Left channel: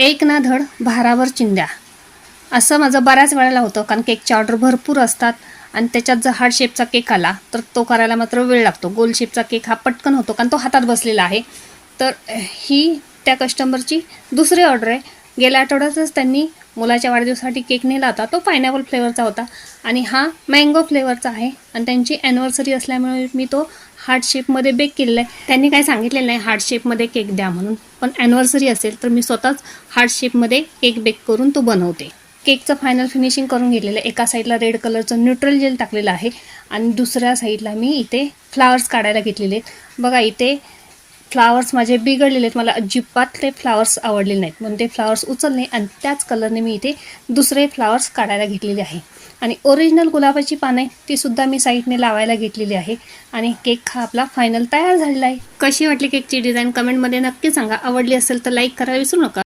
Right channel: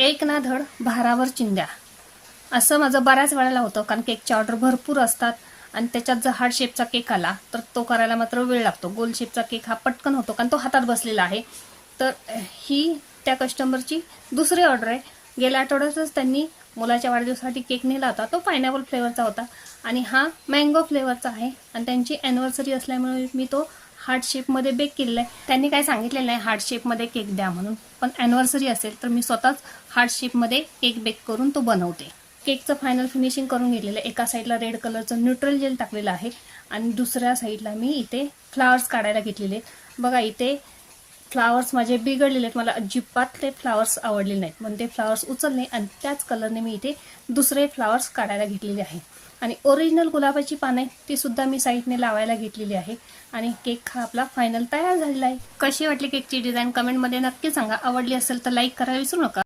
एक ना धड भारावर चिंध्या असं माझं बऱ्याच वेळेला होतं, कारण केकची ऑर्डर भरपूर असतात आणि त्याच्यात जर हार्ट शेपचा केक आला तर तो करायला मात्र वेळ लागतो. गोल शेपचा केक हा पटकन होतो कारण तो हातात बसलेला आहे. तर ही त्या कस्टमरची दुसरी ऑर्डर आहे. गेल्या आठवड्यातच त्यांनी मुलाच्या वाढदिवसासाठी केक नेला होता, तो पायनॅपल फ्लेवरचा होता आणि हा मँगो फ्लेवरचा आहे आणि त्यांची ॲनिव्हर्सरी असल्यामुळे मी तो हार्ट शेपमध्ये बेक केलेला आहे. त्यांनी काय सांगितलेलं नाही हार्ट शेपमध्ये केक द्या म्हणून, पण ॲनिव्हर्सरी असेल तर मी स्वतःच हार्ट शेपमध्ये केक बेक करून तो बनवते. केकचं फायनल फिनिशिंग करून घेतलेलं आहे. एका साईडला रेड कलरचं न्यूट्रल जेल टाकलेलं आहे आणि दुसऱ्या साईडला मी इथे फ्लावर्स काढायला घेतलेले आहेत. बघा इथे फ्लावर्स माझे बिघडलेले आहेत, मला अजिबात ते फ्लावर्स आवडले नाहीत म्हणून ते फ्लावर्स उचलले आणि त्याच कलरने मी इथे दुसरे फ्लावर्स काढायला घेतलेले आहे. आणि ओरिजिनल गुलाबाची पाने ती सुद्धा मी साईडने लावायला घेतलेली आहे. आणि केक हा आपला फायनल तयार झालेला आहे. कशी वाटली केकची डिझाईन कमेंटमध्ये नक्की सांगा. आवडली असेल तर लाईक करायला विसरू नका.